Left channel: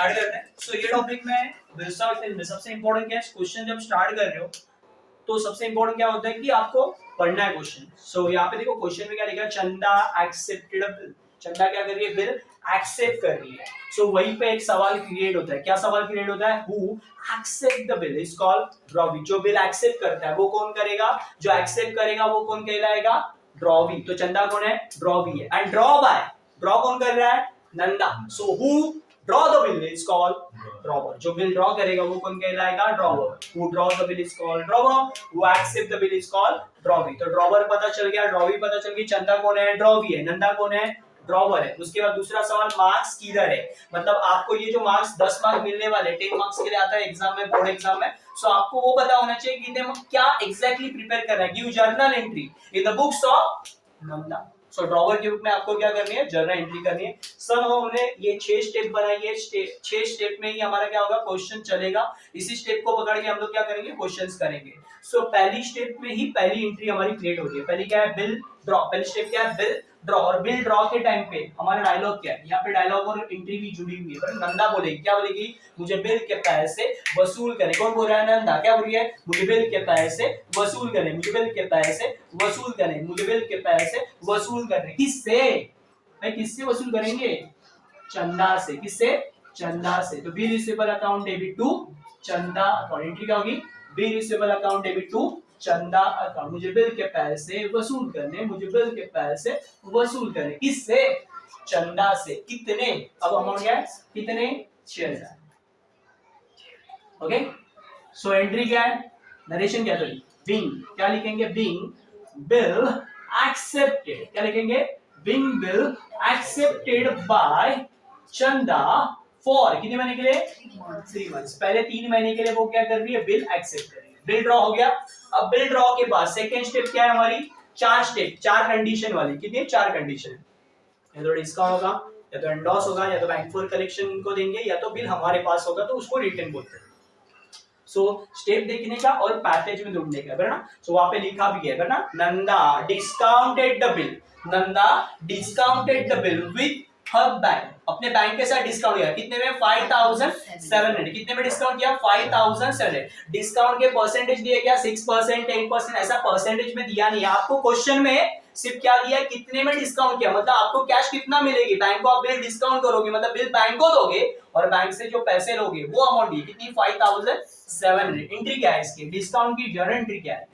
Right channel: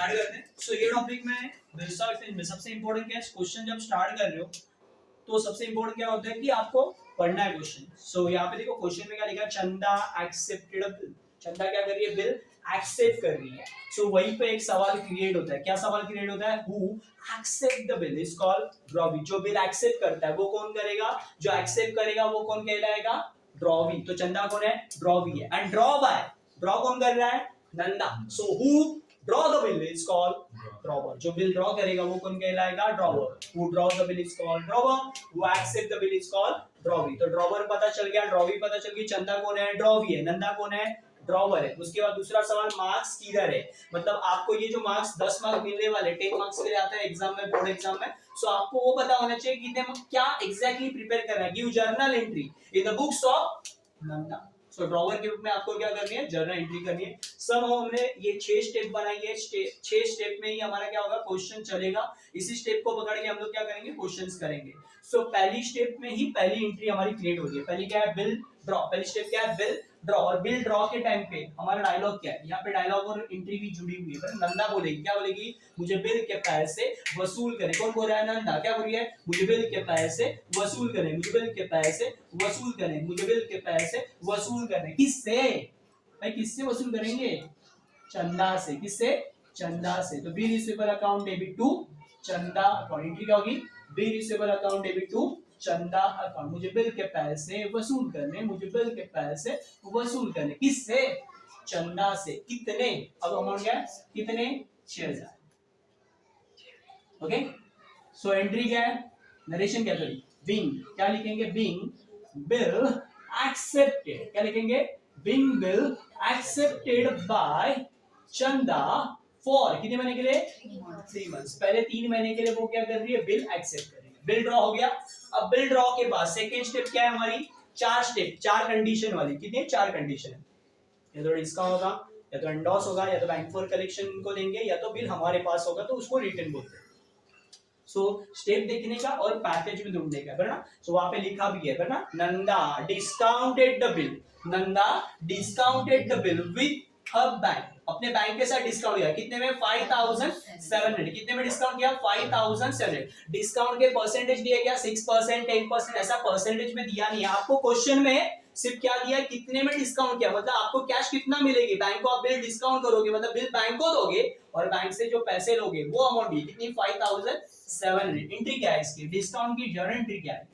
Start करते हैं। सो ये टॉपिक में सबसे इंपॉर्टेंट क्या है, क्वेश्चन जब स्टार्ट कर रहे हो तो सबसे इंपॉर्टेंट क्या होता है कि आपको पढ़ना है क्वेश्चन। सो यहाँ पे देखो क्वेश्चन में क्या लिखा है, चंदा एक्सेप्टेड बिल। चंदा क्या कर रही है, बिल एक्सेप्ट कर रही है। सो वहीं पे एक सवाल क्रिएट होता है। क्या सवाल क्रिएट होता है, who accept the bill is called drawee. जो बिल एक्सेप्ट करता है वो कौन करेगा, जो एक्सेप्ट करेगा वो कौन कहलाएगा, ड्रॉवी। तो चंदा कौन है, ड्रॉवी है। एंड ड्रॉ बाय, ड्रॉ कौन कर रहा है, Nanda. So who draw the bill is called drawer. जो बिल ड्रॉ करेगा वो कौन कहलाएगा, drawer. Who draw the bill is called drawer, who accept the bill is called drawee. तो ड्रॉवर पता चल गया, ड्रॉवी पता चल गई, चंदा कौन है, ड्रॉवी है, नंदा कौन है, ड्रॉवर है। उसके बाद दूसरा सवाल, मार्क्स किधर है, मतलब आपको ये जो मार्क्स 10 मार्क्स मिलने वाले 10 मार्क्स के लिए आता है एग्जाम में, बोर्ड एग्जाम में। सो आपको वो पता होना चाहिए कि क्या एग्जैक्टली प्रिपेयर करना है। Give journal entry in the books of Nanda. So drawer के रूप में आपको क्या करनी है, जर्नल एंट्री करनी है। सब हमने ये 6 स्टेप बनाई है, 6 स्टेप में ही हमारा क्या होगा, क्वेश्चन चलेगा। इसी स्टेप को पकड़ के हम लोग क्या करेंगे, क्वेश्चंस करेंगे। सो पहली स्टेप में ही पहली एंट्री हमारी क्रिएट हो रही है। पहली क्या है, बिल ड्रॉ। पहली स्टेप क्या है, बिल ड्रॉ। और बिल ड्रॉ के टाइम पे हमारा डायलॉग क्या है, यहाँ पे डायलॉग और एंट्री भी जुड़ी हुई है। नंदा बोलेगी, क्या बोलेगी, मुझे बिल के पैसे वसूल करे। कौन बोल रहा है, नंदा। क्या बोल रही है, मुझे बिल के पैसे वसूल करने, मुझे बिल के पैसे वसूल करने, मुझे बिल के पैसे वसूल करने। किससे भाई, किससे वसूल करेंगे, चंदा से। किससे, चंदा से। तो B receivable account debit to Chanda account. Entry क्या होगी, B receivable account debit to Chanda account. मुझे बिल के पैसे वसूल करने, मुझे बिल के पैसे वसूल करने। किससे, चंदा से। कितने, अब अमाउंट क्या है, कितने, 6000। ओके। सो एंट्री क्या है, नरेशन क्या है, बिंग। क्या लिखेंगे, बिंग बिल एक्सेप्टेड। क्या लिखेंगे, बिंग बिल एक्सेप्टेड बाय चंदा फॉर कितने महीने के लिए, 3 मंथ्स। पहले 3 महीने के लिए वो क्या कर रही है, बिल एक्सेप्ट कर रही है। बिल ड्रॉ हो गया। अब बिल ड्रॉ के बाद सेकंड स्टेप क्या है हमारी, 4 स्टेप, 4 कंडीशन वाली। कितनी, 4 कंडीशन है। या तो डिस्काउंट होगा, या तो एंडोस होगा, या तो बैंक फॉर कलेक्शन को देंगे, या तो बिल हमारे पास होगा तो उसको रिटर्न बोलते हैं। सो स्टेप देखने का और पैसेज में ढूंढने का है ना। सो वहां पे लिखा भी है ना, Nanda discounted the bill, Nanda discounted the bill with her bank. अपने बैंक के साथ डिस्काउंट किया। कितने में, 5700। कितने में डिस्काउंट किया, 5700। डिस्काउंट के परसेंटेज दिए क्या, 6%, 10%, ऐसा परसेंटेज में दिया नहीं है आपको। क्वेश्चन में सिर्फ क्या दिया, कितने में डिस्काउंट किया, मतलब आपको कैश कितना मिलेगी। बैंक को आप बिल डिस्काउंट करोगे, मतलब बिल बैंक को दोगे और बैंक से जो पैसे लोगे वो अमाउंट दी। कितनी, 5700। एंट्री क्या है इसकी, डिस्काउंट की जर्नल एंट्री क्या है।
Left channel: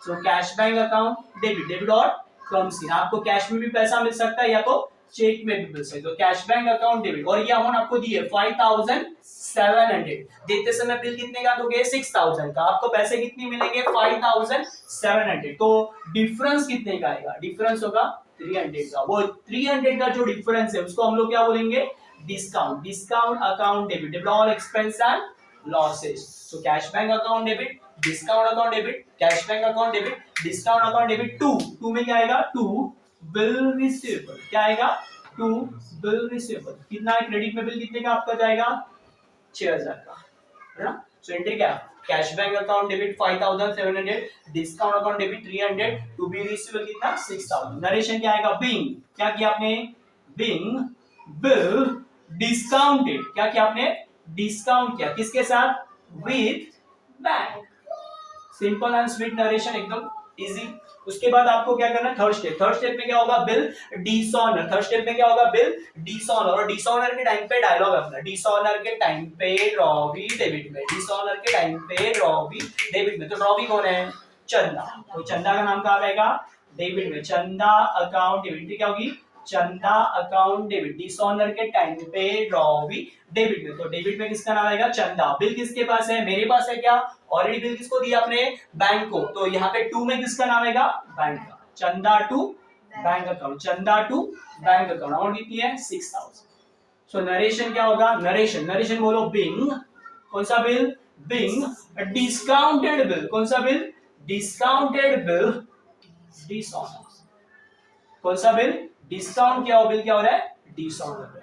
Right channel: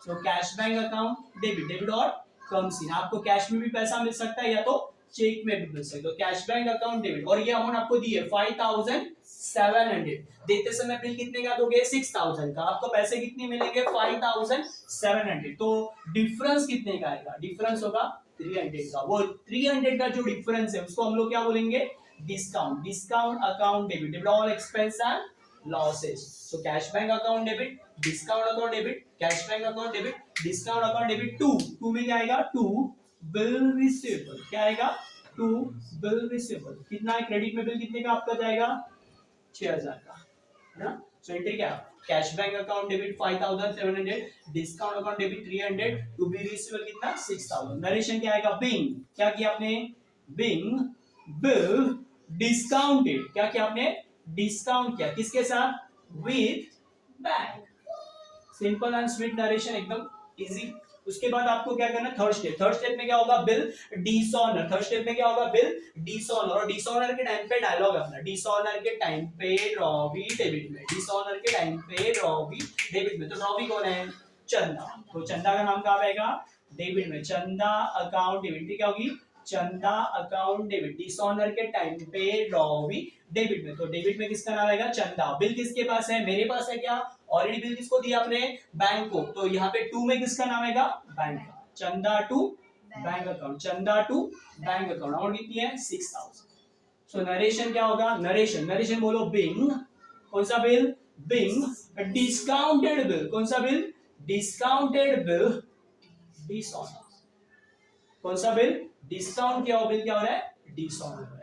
सो cash bank account debit, debit और कम्स इन। आपको कैश में भी पैसा मिल सकता है या तो चेक में भी मिल सकता है। तो कैश बैंक अकाउंट डेबिट, और ये अमाउंट आपको दी है 5700। देते समय बिल कितने का दोगे, 6000 का। आपको पैसे कितने मिलेंगे, 5700। तो डिफरेंस कितने का आएगा, डिफरेंस होगा 300 का। वो 300 का जो डिफरेंस है उसको हम लोग क्या बोलेंगे, discount. Discount account debit, debit all expense and losses. So cash bank account debit, discount account debit, cash bank account debit, discount account debit. To में क्या आएगा, टू बिल रिसीवेबल। क्या आएगा, टू बिल रिसीवेबल। कितना है, credit में bill कितने का आपका जाएगा, 6000 का, है ना। सो एंट्री क्या, cash bank account debit 5700, discount account debit 300, to B receivable कितना, 6000। नरेशन क्या आएगा, बिंग, क्या किया आपने, बिंग बिल डिस्काउंटेड। क्या किया आपने, डिस्काउंट किया, किसके साथ, with bank. Simple and sweet narration, एकदम इजी। उसके बाद आपको क्या करना है, थर्ड स्टेप। थर्ड स्टेप में क्या होगा, बिल डिसऑनर। थर्ड स्टेप में क्या होगा, बिल डिसऑनर। और डिसऑनर के टाइम पे डायलॉग अपना, डिसऑनर के टाइम पे रॉबी डेबिट में, डिसऑनर के टाइम पे रॉबी डेबिट में। तो रॉबी कौन है, चंदा। तो चंदा का नाम कहां रहेगा, डेबिट में। चंदा अकाउंट डेबिट, क्या होगी, चंदा अकाउंट डेबिट। डिसऑनर के टाइम पे रॉबी डेबिट में। तो डेबिट में किसका नाम आएगा, चंदा। बिल किसके पास है, मेरे पास है। क्या, ऑलरेडी बिल किसको दिया आपने, बैंक को। तो यहाँ पे टू में किसका नाम आएगा, बैंक का। चंदा टू बैंक अकाउंट, चंदा टू बैंक अकाउंट। अमाउंट कितनी है, 6000। सो नरेशन क्या होगा, नरेशन, नरेशन बोलो, बिंग, कौन सा बिल, बिंग डिस्काउंटेड बिल। कौन सा बिल, डिस्काउंटेड बिल डिसऑनर। कौन सा बिल, डिस्काउंट किया हुआ बिल क्या हो रहा है, डिसऑनर है।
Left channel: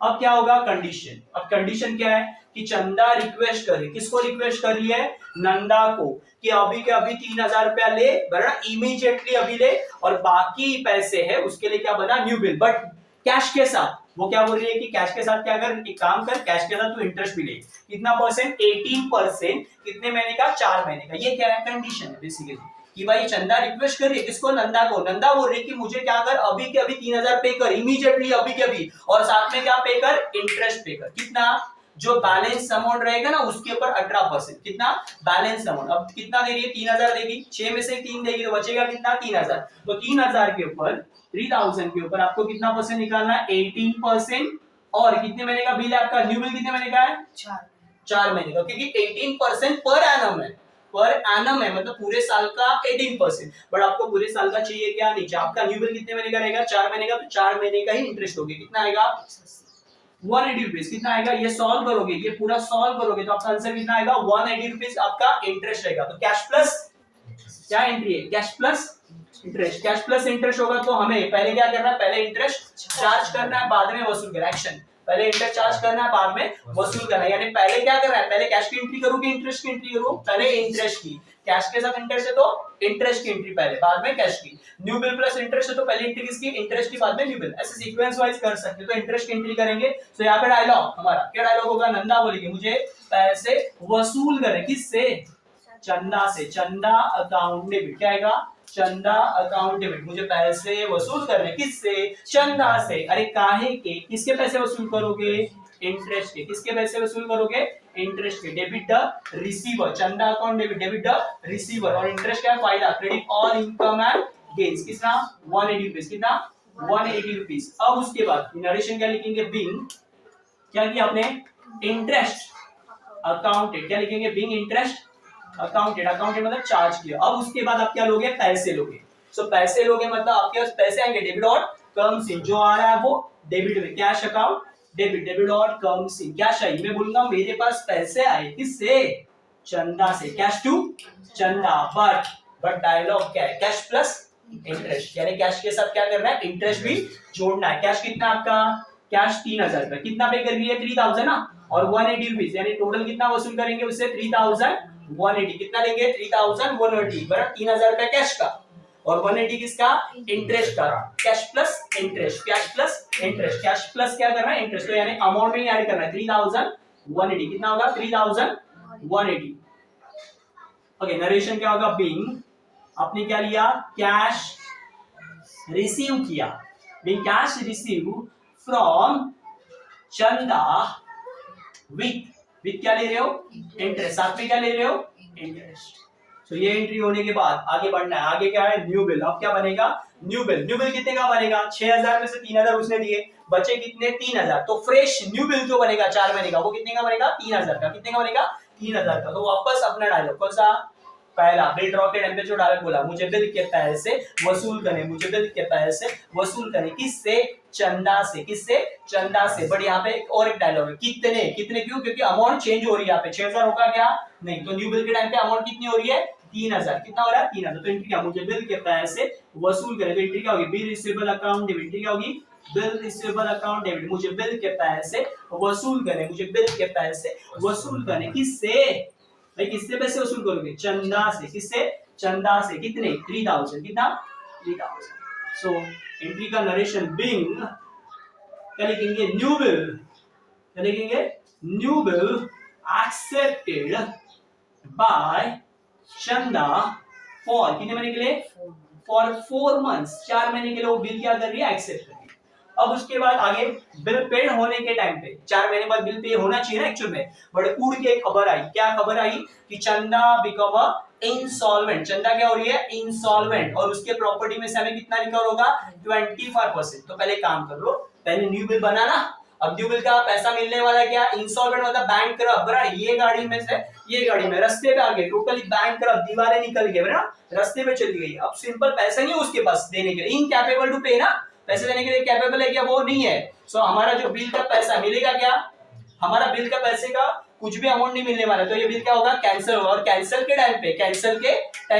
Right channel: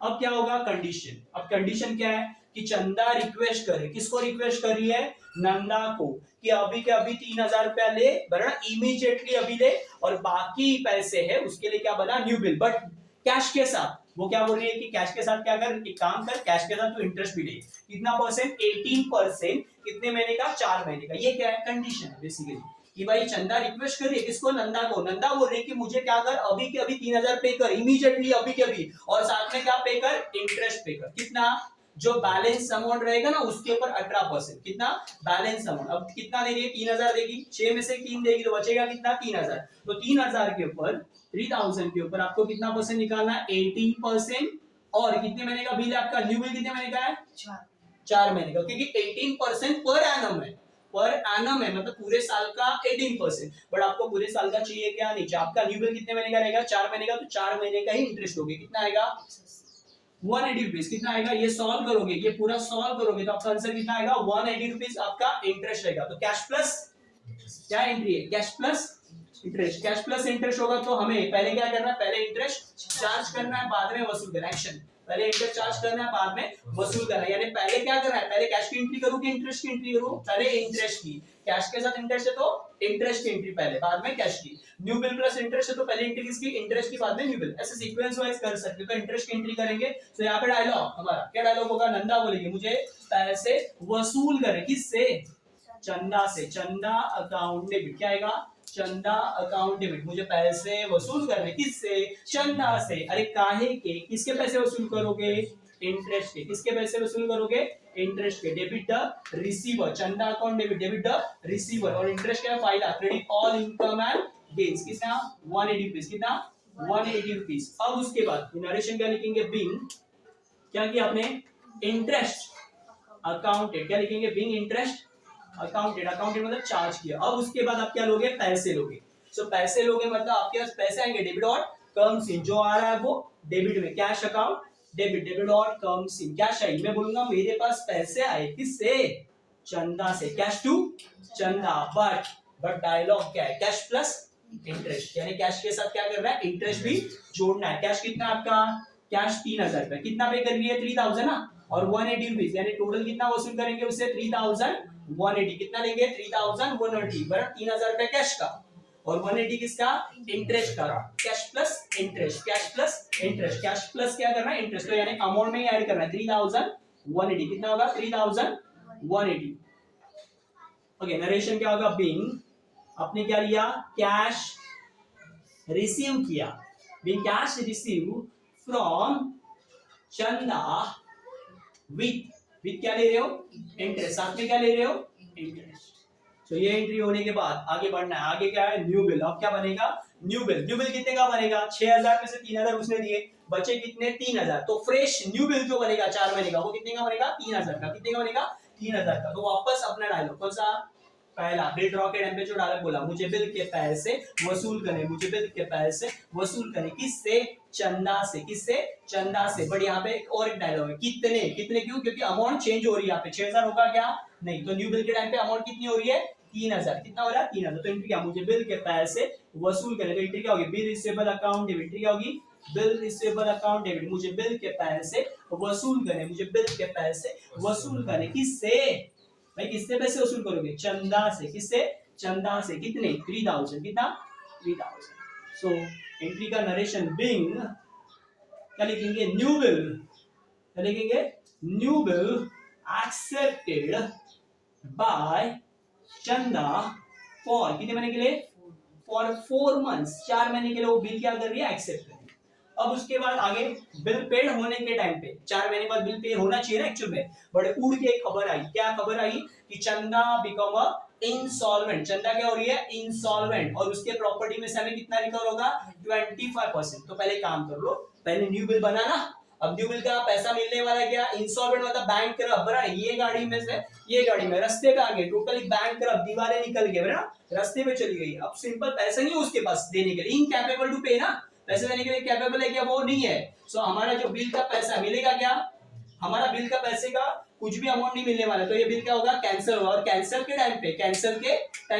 अब क्या होगा, कंडीशन। अब कंडीशन क्या है कि चंदा रिक्वेस्ट करे, किसको रिक्वेस्ट कर रही है, नंदा को, कि अभी के अभी 3000 रुपया ले, बराबर, इमीडिएटली अभी ले, और बाकी पैसे है उसके लिए क्या बना, न्यू बिल, बट कैश के साथ। वो क्या बोल रही है कि कैश के साथ क्या कर, एक काम कर, कैश के साथ तू इंटरेस्ट भी ले। कितना परसेंट? 18%। कितने महीने का? 4 महीने का। ये क्या है? कंडीशन है बेसिकली कि भाई चंदा रिक्वेस्ट कर रही है किसको? नंदा को। नंदा बोल रही है कि मुझे क्या कर, अभी के अभी 3000 पे कर, इमीडिएटली अभी के अभी, और साथ में क्या पे कर? इंटरेस्ट पे कर। कितना? जो बैलेंस अमाउंट रहेगा ना उसके ऊपर 18%। कितना? Balance amount. अब कितना दे रही है? 3000 देगी, 6 में से 3 देगी तो बचेगा कितना? 3000। तो 3000 के ऊपर 3000 के ऊपर आपको कितना परसेंट निकालना है? 18%। और कितने महीने का बिल है आपका? न्यू बिल कितने महीने का है? 4 महीने का, क्योंकि 18% पर एनम है। पर एनम है मतलब पूरे साल का 18%। बट आपको पूरे साल का चाहिए क्या? नहीं चाहिए। आपका न्यू बिल कितने महीने का रहेगा? 4 महीने का, तो 4 महीने का ही इंटरेस्ट होगी। कितना आएगा? 180 रुपीज। कितना आएगा? ये सॉल्व करोगे, ये पूरा सॉल्व करोगे तो आपका आंसर कितना आएगा? 180 रुपीज आपका इंटरेस्ट रहेगा। तो कैश प्लस क्या एंट्री है? Cash plus interest. Cash plus interest होगा तो हमें पहले क्या करना है? पहले इंटरेस्ट चार्ज करना है, बाद में वसूल करना है। एक्शन, पहले इंटरेस्ट चार्ज करना है, बाद में वसूल करना है। यानी पहले क्या करना है? पहले कैश की एंट्री करूं कि इंटरेस्ट की एंट्री करूं? पहले इंटरेस्ट की। कैश के साथ इंटरेस्ट है तो इंटरेस्ट की एंट्री पहले, बाद में कैश की। न्यू बिल प्लस इंटरेस्ट है तो पहले एंट्री किसकी? इंटरेस्ट की, बाद में न्यू बिल। ऐसे सीक्वेंस वाइज कर सकते हो। तो इंटरेस्ट की एंट्री करेंगे तो यहाँ पे डायलॉग हमारा क्या डायलॉग होगा? नंदा बोलेगी मुझे पैसे वसूल करें। किससे? चंदा से। चंदा अकाउंट डेबिट। क्या आएगा? चंदा अकाउंट डेबिट। मुझे पैसे वसूल करने। किससे? चंदा से। अरे काहे के? किसके पैसे वसूल करोगे? इंटरेस्ट के। किसके पैसे वसूल करोगे? इंटरेस्ट के। Debit the receiver. चंदा account debit, debit the receiver. और इंटरेस्ट क्या है? फायदा। Credit all income and gains. कितना? 180 रुपीज। कितना? 180 रुपीज। अब उसके बाद नरेशन क्या लिखेंगे? बिंग क्या किया आपने? Interest accounted. क्या लिखेंगे? Being interest accounted. अकाउंटेड मतलब चार्ज किया। अब उसके बाद आप क्या लोगे? पैसे लोगे। सो पैसे लोगे मतलब आपके पास पैसे आएंगे, डेबिट और कम्स इन। जो आ रहा है वो डेबिट में। कैश अकाउंट डेबिट, डेबिट और कम्स इन। कैश आई, मैं बोलूंगा मेरे पास पैसे आए। किससे? चंदा से। कैश टू चंदा। बट डायलॉग क्या है? Cash plus interest. यानी कैश के साथ क्या करना है? इंटरेस्ट भी जोड़ना है। कैश कितना आपका? कैश 3000 रुपए। कितना पे कर रही है? 3000 ना, और 180 रुपीज। यानी टोटल कितना वसूल करेंगे उससे? 3180। कितना लेंगे? 3180 बराबर 3000 रुपए कैश का और 180 किसका? इंटरेस्ट का। Cash plus interest, cash plus interest. Cash plus क्या करना है? इंटरेस्ट। तो यानी अमाउंट में ही ऐड करना है। 3180 कितना होगा? 3180। ओके, नरेशन क्या होगा? बिंग आपने क्या लिया? कैश रिसीव किया। बिंग कैश रिसीव फ्रॉम चंदा विथ क्या ले रहे हो? इंटरेस्ट। साथ में क्या ले रहे हो? इंटरेस्ट। तो ये एंट्री होने के बाद आगे बढ़ना है। आगे क्या है? New bill. अब क्या बनेगा? New bill. न्यू बिल कितने का बनेगा? 6000 में से 3000 उसने दिए, बचे कितने? 3000। तो फ्रेश न्यू बिल जो बनेगा 4 महीने का वो कितने का बनेगा? 3000 का। कितने का बनेगा? 3000 का। तो वापस अपना डायलॉग कौन सा? पहला बिल ड्रॉ के टाइम पे जो डायलॉग बोला, मुझे बिल के पैसे वसूल करने, मुझे बिल के पैसे वसूल करने। किससे? चंदा से। किससे? चंदा से। बट यहाँ पे और एक डायलॉग है, कितने? कितने क्यों? क्योंकि अमाउंट चेंज हो रही है। यहाँ पे 6000 होगा क्या? नहीं। तो न्यू बिल के टाइम पे अमाउंट कितनी हो रही है? 3000। कितना हो रहा है? 3000। तो एंट्री क्या? मुझे बिल के पैसे वसूल करें। तो एंट्री क्या होगी? Bill receivable account debit. Entry क्या होगी? Bill receivable account debit. मुझे बिल के पैसे वसूल करें, मुझे बिल के पैसे वसूल करें। किससे? भाई किससे पैसे वसूल करोगे? चंदा से। किससे? चंदा से। कितने? 3000। कितना? 3000। सो एंट्री का नरेशन बिंग क्या लिखेंगे? New bill. क्या लिखेंगे? न्यू बिल एक्सेप्टेड बाय चंदा फॉर कितने महीने के लिए? For 4 months. 4 महीने के लिए वो बिल क्या कर रही है? एक्सेप्ट कर रही है। अब उसके बाद आगे बिल पेड होने के टाइम पे 4 महीने बाद बिल पे होना चाहिए ना एक्चुअल में, बट उड़ के खबर आई। क्या खबर आई? कि चंदा बिकम अ इंसॉल्वेंट। चंदा क्या हो रही है? इंसॉल्वेंट। और उसके प्रॉपर्टी में से हमें कितना रिकवर होगा? 25%। तो पहले काम कर लो, पहले न्यू बिल बनाना। अब न्यू बिल का पैसा मिलने वाला है क्या? इंसॉल्वेंट मतलब बैंक करप्ट। ये गाड़ी में से ये गाड़ी में रास्ते पे आ गए, टोटली बैंक करप्ट, दीवारें निकल गए ना, रास्ते में चली गई। अब सिंपल पैसा नहीं है उसके पास देने के लिए, इनकैपेबल टू पे ना, पैसे देने के लिए कैपेबल है क्या? वो नहीं है। सो हमारा जो बिल का पैसा मिलेगा क्या? हमारा बिल का पैसे का कुछ भी अमाउंट नहीं मिलने वाला। तो ये बिल क्या होगा? कैंसिल होगा। और कैंसिल के टाइम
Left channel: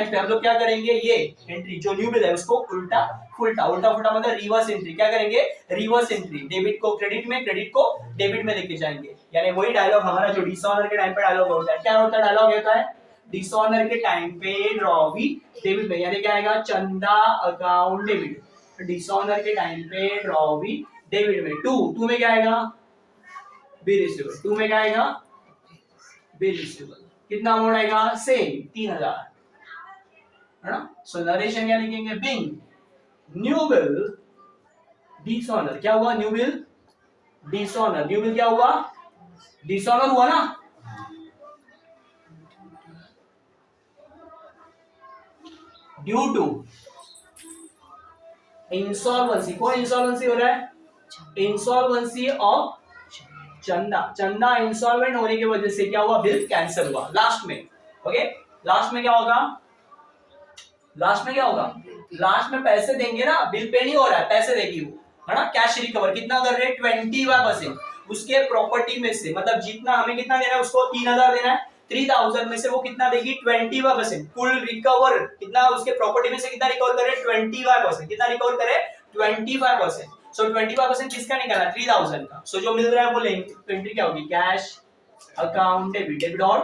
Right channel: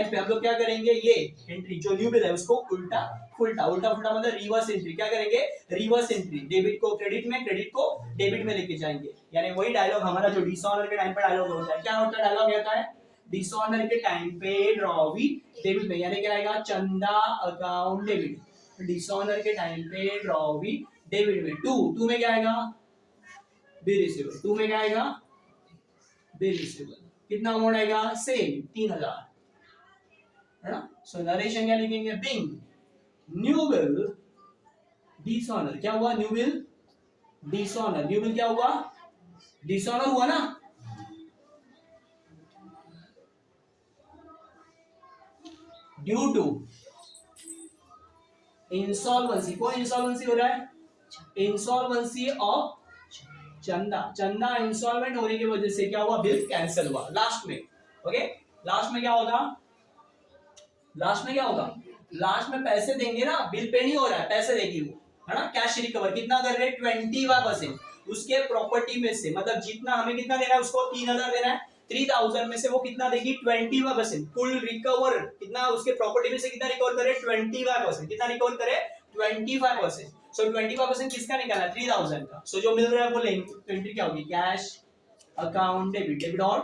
पे हम लोग क्या करेंगे? ये एंट्री जो न्यू बिल है उसको उल्टा फुलटा मतलब रिवर्स एंट्री क्या करेंगे? Reverse entry. डेबिट को क्रेडिट में, क्रेडिट को डेबिट में लेके जाएंगे। यानी वही डायलॉग हमारा जो डिसऑनर के टाइम पे डायलॉग होता है। क्या होता है? डायलॉग होता है डिसऑनर के टाइम पे ड्रॉ वी डेबिट में, यानी क्या आएगा? चंदा अकाउंट डेबिट। डिसऑनर के टाइम पे ड्रॉ वी डेबिट में टू में क्या आएगा, बी रिसीवेबल, टू में क्या आएगा, बी रिसीवेबल, कितना अमाउंट आएगा, सेम 3000, है ना। सो नरेशन क्या लिखेंगे, बिंग न्यू बिल डिसऑनर, क्या हुआ, new bill dishonour, new bill क्या हुआ, डिसऑनर हुआ ना, ड्यू टू इंसॉल्वेंसी, कौन इंसॉल्वेंसी हो रहा है, इंसॉल्वेंसी ऑफ चंदा, चंदा इंसॉल्वेंट होने की वजह से क्या हुआ, बिल कैंसिल हुआ। लास्ट में ओके, लास्ट में क्या होगा, लास्ट में क्या होगा, लास्ट में पैसे देंगे ना, बिल पे नहीं हो रहा है, पैसे देगी वो, है ना, कैश रिकवर कितना कर रहे हैं, 25% उसके प्रॉपर्टी में से, मतलब जितना हमें कितना देना है उसको 3000 देना है, 3000 में से वो कितना देगी, 25%, कुल रिकवर कितना उसके प्रॉपर्टी में से कितना रिकवर करे, 25%, कितना रिकवर करे, 25%। सो 25% किसका निकाला, 3000 का। सो जो मिल रहा है वो लेंगे, तो एंट्री क्या होगी, कैश अकाउंट डेबिट, डेबिट और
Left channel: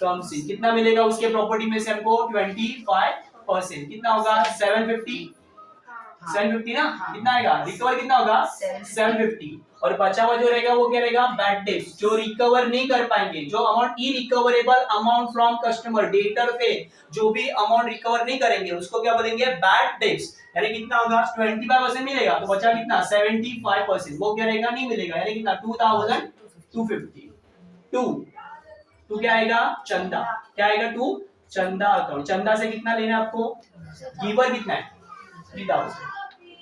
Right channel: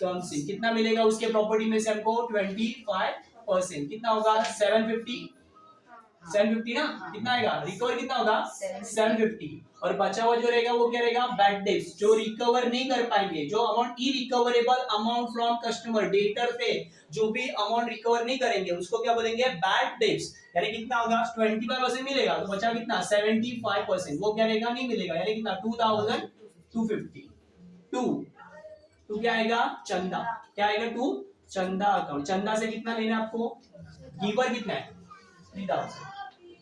कम्स इन, कितना मिलेगा उसके प्रॉपर्टी में से हमको, 25%, कितना होगा, 750, 750 ना, कितना आएगा, रिकवर कितना होगा, 750, और बचा हुआ जो रहेगा वो क्या रहेगा, बैड डेट्स, जो रिकवर नहीं कर पाएंगे, जो amount irrecoverable amount from customer, debtor पे जो भी अमाउंट रिकवर नहीं करेंगे उसको क्या बोलेंगे, बैड डेट्स, यानी कितना होगा, 25% मिलेगा, तो बचा कितना, 75%, वो क्या रहेगा, नहीं मिलेगा, यानी कितना, 2250, टू क्या आएगा, चंदा, क्या आएगा, टू चंदा अकाउंट, चंदा से कितना लेना है आपको, गिवर कितना है, 3000,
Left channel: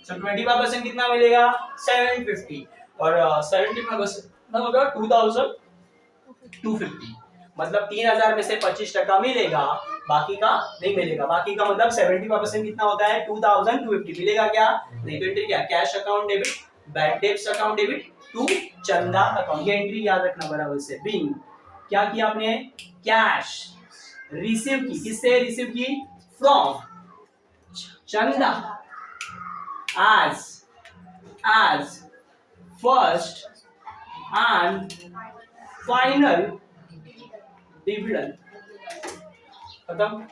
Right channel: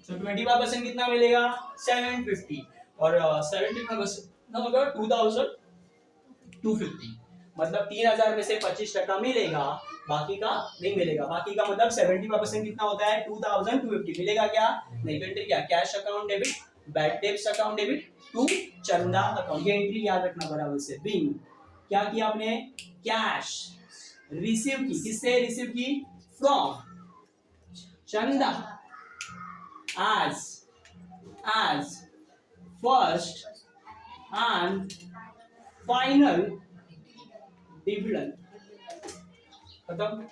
सो 25% कितना मिलेगा, 750, और 75% होगा 2250, मतलब 3000 में से 25% मिलेगा, बाकी का नहीं मिलेगा, बाकी का मतलब 75% कितना होता है, 2250 मिलेगा, क्या नहीं, तो एंट्री क्या, cash account debit, bad debts account debit to Chanda account, ये एंट्री याद रखना बराबर से। बीइंग क्या किया आपने, कैश रिसीव की, किससे रिसीव की, फ्रॉम चंदा, as first and final dividend, खत्म।